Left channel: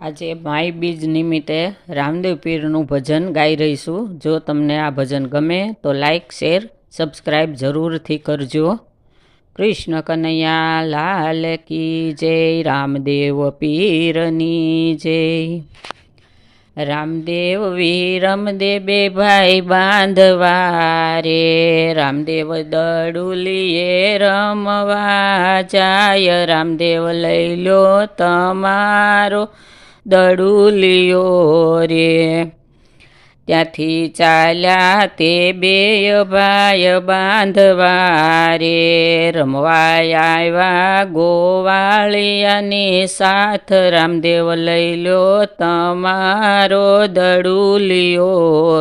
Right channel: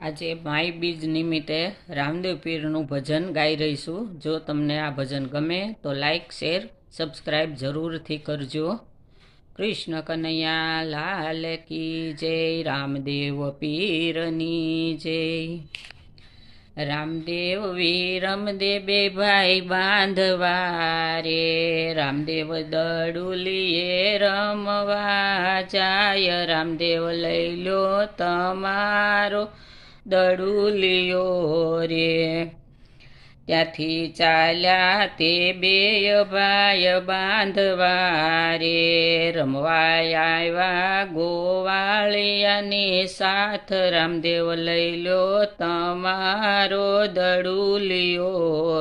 આજે માય બીજ નિમિત્તે રામદેવ પીરનું ભજન ગાઈ રહીશું. જો તમને આ ભજન ગમે તો લાઈક, શેર સબસ્ક્રાઈબ જરૂરથી કરજો. કૃષ્ણ કનૈયા, લાલ કી જય, રામદેવ પીરની જય. રામદેવ વીરમદે બે ભાઈ બાંધવા રે. રામદેવ દડુલીએ રમવા જાય. રામદેવ લઈ લો તમારો દડુલિયો રે ત્યાંથી ચાલ્યા તે બે ભાઈ બાંધવા રે રમવા આવ્યા ગોવાળિયાની સાથ રામદેવ લઈ લો તમારો દડુલિયો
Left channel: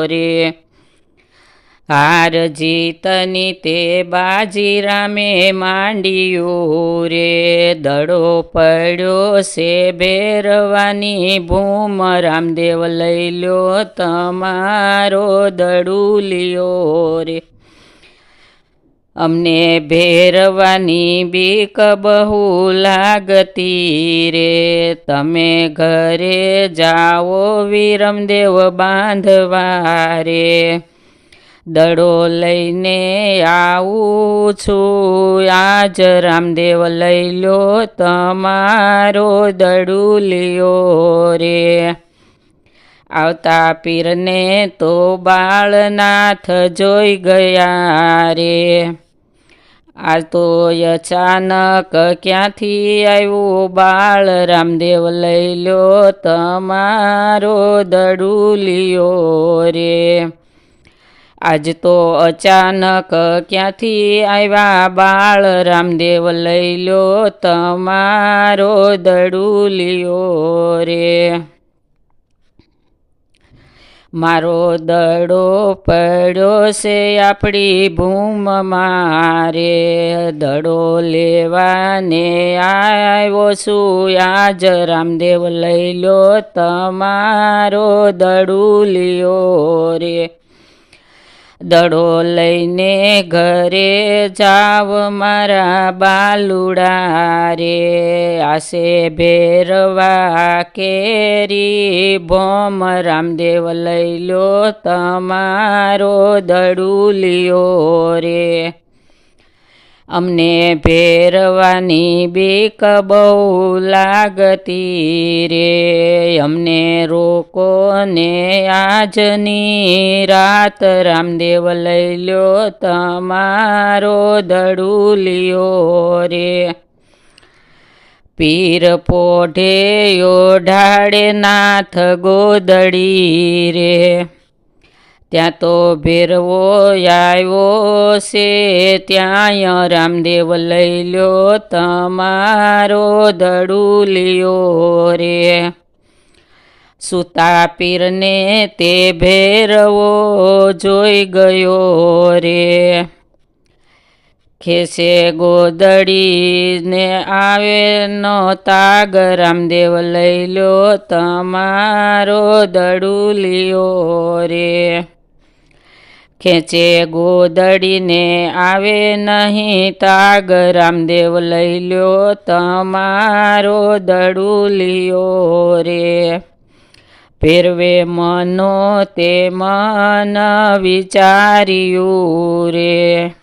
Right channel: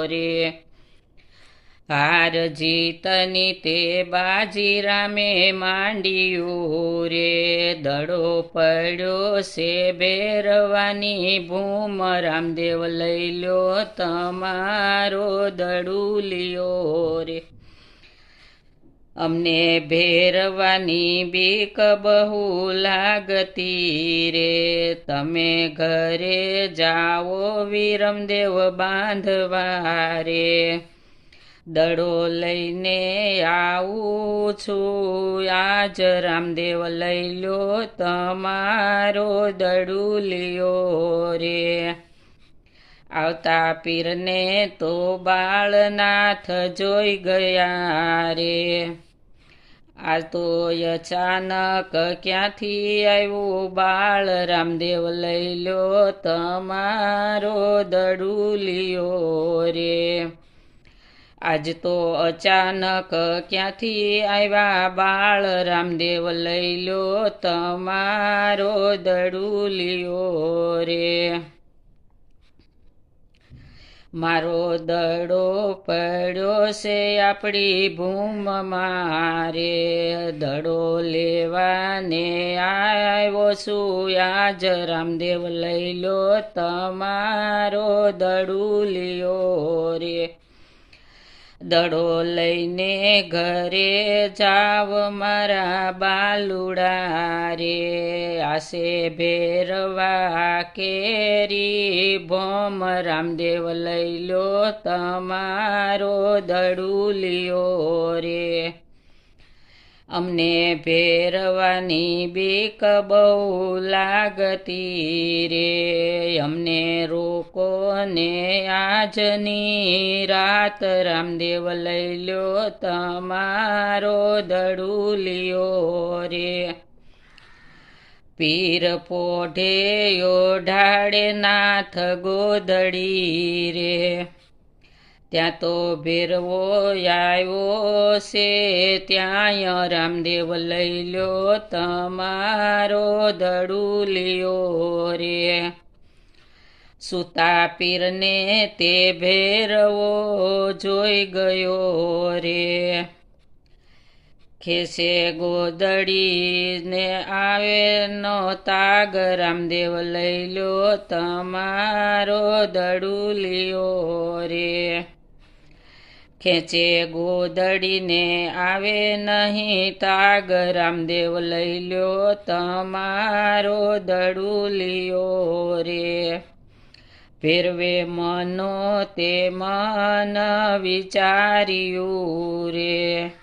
રે હાર જીતની તે બાજીરામે માંડ્યું રે. દડો પડ્યો છે ભેરવાની ભૂમ. રામદેવ લઈ લો તમારો દડુલિયો રે. અમને ભેરવાની બીક બહુ લાગતી રે. તમે ઘરે જાઓ વિરમદેવ બાંધવા રે. દડો લઈને આવું છું. આજ રામદેવ લઈ લો તમારો દડુલિયો રે. આવતા પીરને તો બાળનાથ જોઈ ગયા રે. આ તો અચાનક ક્યાંથી આવ્યું? બાળ રામદેવ લઈ લો તમારો દડુલિયો રે. આજ તો અચાનક ક્યાંથી આવ્યા બાળ રામદેવ લઈ લો તમારો દડુલિયો રે. મારો દડો પડ્યો છે આપણી ભૂમ મારે દડો લેવાને આવ્યો છું. આજ રામદેવ લઈ લો તમારો દડુલિયો રે. દડો લઈને ઘરે જાવ મારા બાલુડા રે. આશે ભેરવા કેરી ભોમ રામદેવ લઈ લો તમારો દડુલિયો રે. અમને ભેરવાની બીક બહુ લાગતી રે. અમને રોકો ને આજની રાત રામદેવ લઈ લ્યો તમારો દડુલિયો રે. પીર પોઢે ઢાળે નાથ ગોદડી રે. ત્યાં તો ભેરવો આવ્યો છે. ત્યાં રામદેવ લઈ લો તમારો દડુલિયો રે. સુતા પીરને તે ભેરવો જોઈ ગયો રે. ખેસે ગોદડીને આવે નો તાગ, રામદેવ લઈ લો તમારો દડુલિયો રે. ખેંચે ગોદડીને આવે નહીં તાગ. રામદેવ લઈ લ્યો તમારો દડુલિયો રે. ફેરવે મનો તે મન વિચાર્યું રે.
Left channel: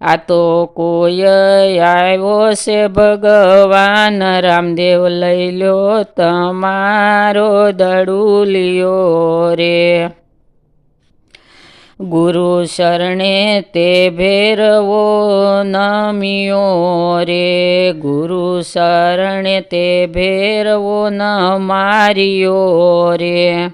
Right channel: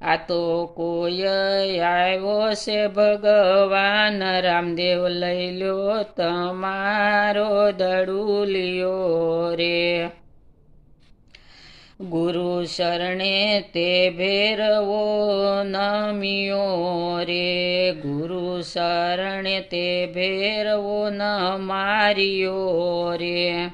આ તો કોઈ આવ્યો છે ભગવાન. રામદેવ લઈ લ્યો તમારો દડુલિયો રે. ગુરુ શરણે તે ભેરવો નમિયો રે. ગુરુ શરણે તે ભેરવો ન માર્યો રે.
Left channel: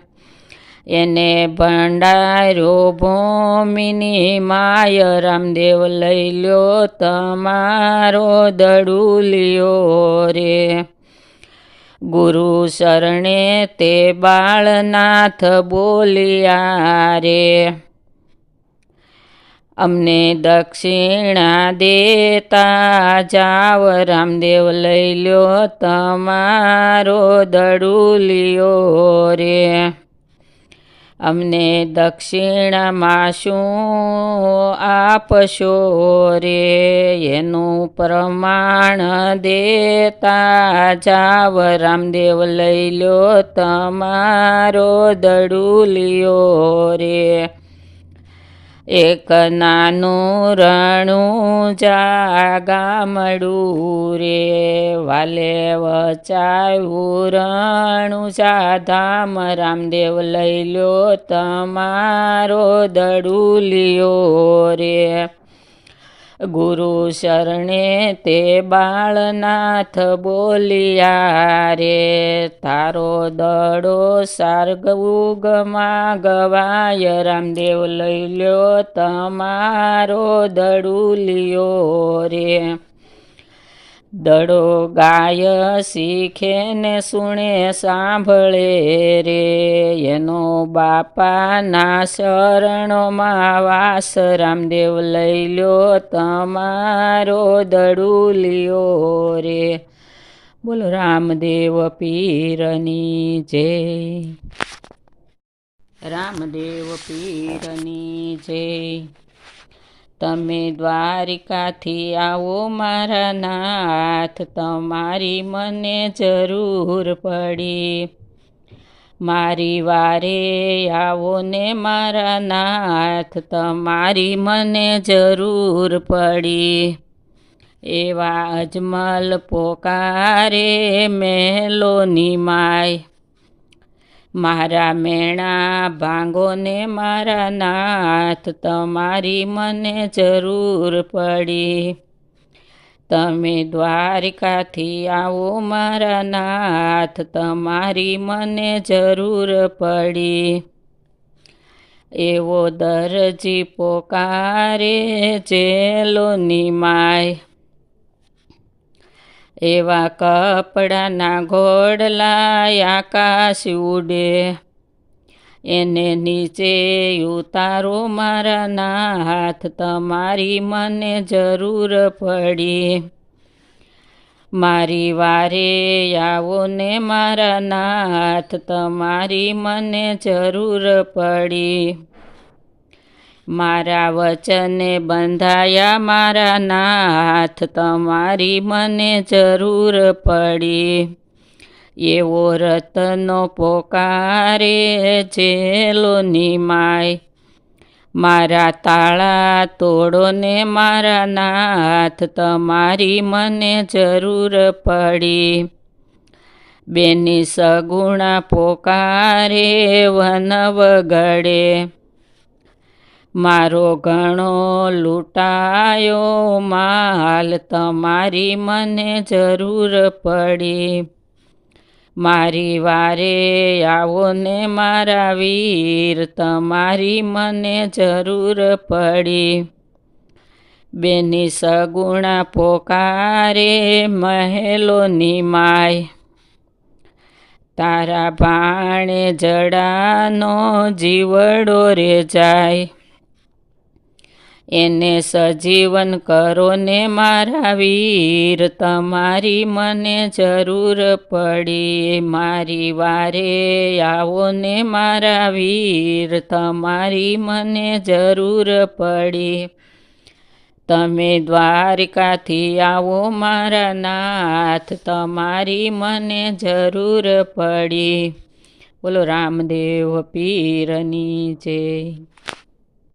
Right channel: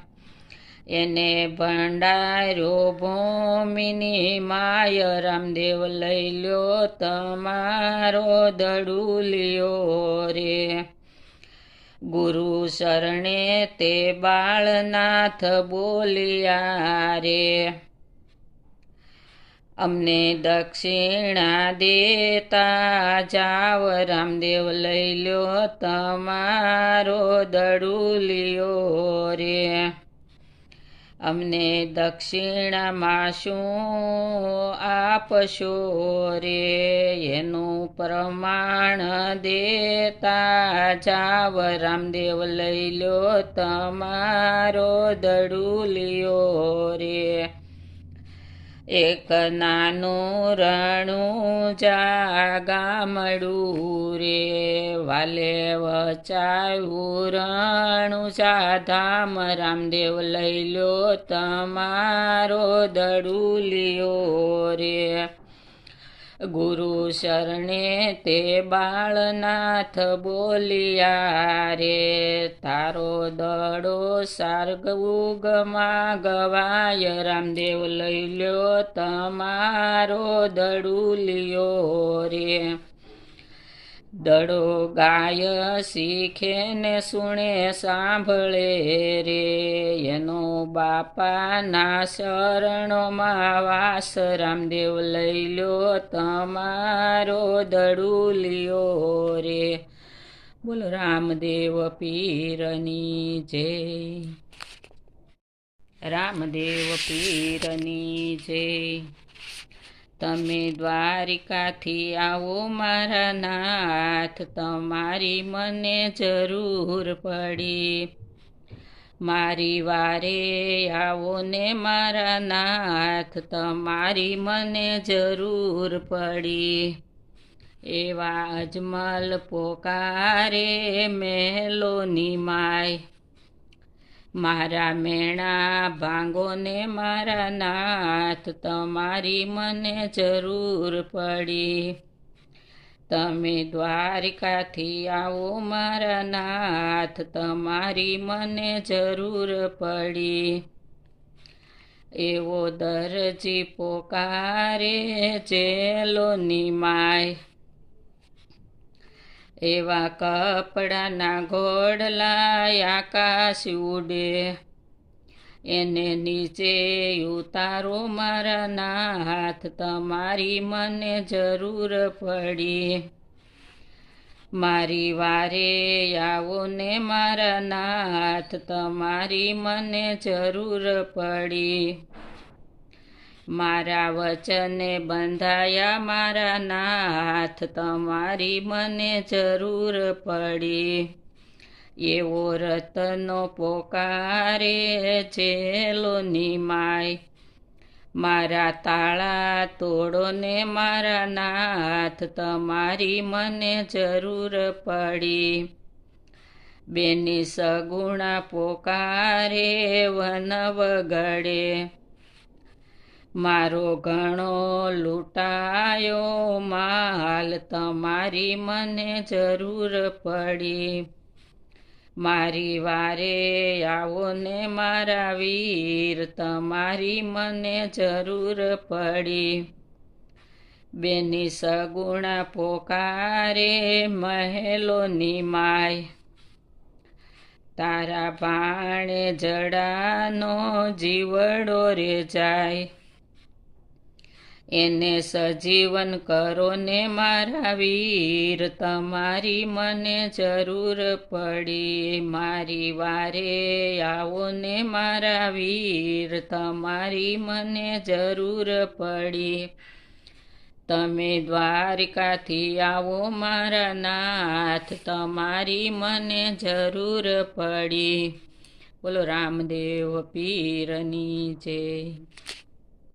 એને ભંડાર્યો ભૂમિની માય રામદેવ લઈ લ્યો તમારો દડુલ્યો રે. ગુરુ શરણે તે બાળનાથ બોલ્યા રે. અમને દક્ષિણા દેતા જાવ, રામદેવ લઈ લ્યો તમારો દડુલિયો રે. અમને દક્ષિણામાં શું આપશો રે? એનું પ્રમાણ દેતા જાવ, રામદેવ લઈ લ્યો તમારો દડુલિયો રે. એક નાનું રણું જાગામડું રે. વાલે વચાયું રણું સાધામ રામદેવ લઈ લ્યો તમારો દડુલિયો રે. ગુરુ શરણે તે બાળનાથ બોલિયા રે, તારો દડો સાર્ગ ઉગમાં ગવાય રામદેવ લઈ લ્યો તમારો દડુલિયો રે. દડો ગાય શીખે ને સુણે સાંભળે રે. એનો બાપાના શરણોમાં વાસ રામદેવ લઈ લ્યો તમારો દડુલિયો રે. બોલો રામદેવ પીરની જય. રામદેવ પીરની જય. તમે દ્વારિકાથી આવો મારા નાથ, તમારી મને જરૂર પડી. મારી વારે આવો ને મારા નાથ, તમારી મને જરૂર પડી. એવા અજમલ પોકારે મેલોની માય મારા મેણા ભાંગોને મારા નાથ, તમારી મને જરૂર પડી. તમે દ્વારિકાથી આવો મારા નાથ, તમારી મને જરૂર પડી. એવો દરજી પોકારે જેલોની માય. એવા કપડાના ઘોડલા આકાશ ઉડે. એને નીચે ઉતારો મારાના હાથ, તમારી મને જરૂર પડી. મારી વારે આવો ને મારા નાથ તમારી મને જરૂર પડી. મારા વચને બંધાયા મારા નાથ, તમારી મને જરૂર પડી. એવો રતનો પોકારે જેલોની માય મારા તાળા તોડો ને મારા નાથ, તમારી મને જરૂર પડી. બેની સગુણા પોકારે વન વગડે મારો ઘણો લૂંટાયો માલ તમારી મને જરૂર પડી. મારી વારે આવો ને મારા વીર, તમારી મને જરૂર પડી. બેની સગુણા પોકારે મહેલોની માય. તારા ભાણે જડાનો જીવડો રે જાય. એને સજીવન કરો ને મારા વીર. તમારી મને જરૂર પડી. મારી વારે આવો ને મારા વીર. તમારી મને જરૂર પડી. તમે દ્વારિકાથી આવો મારા નાથ. તમારી મને જરૂર પડી. બોલો રામદેવ પીરની જય.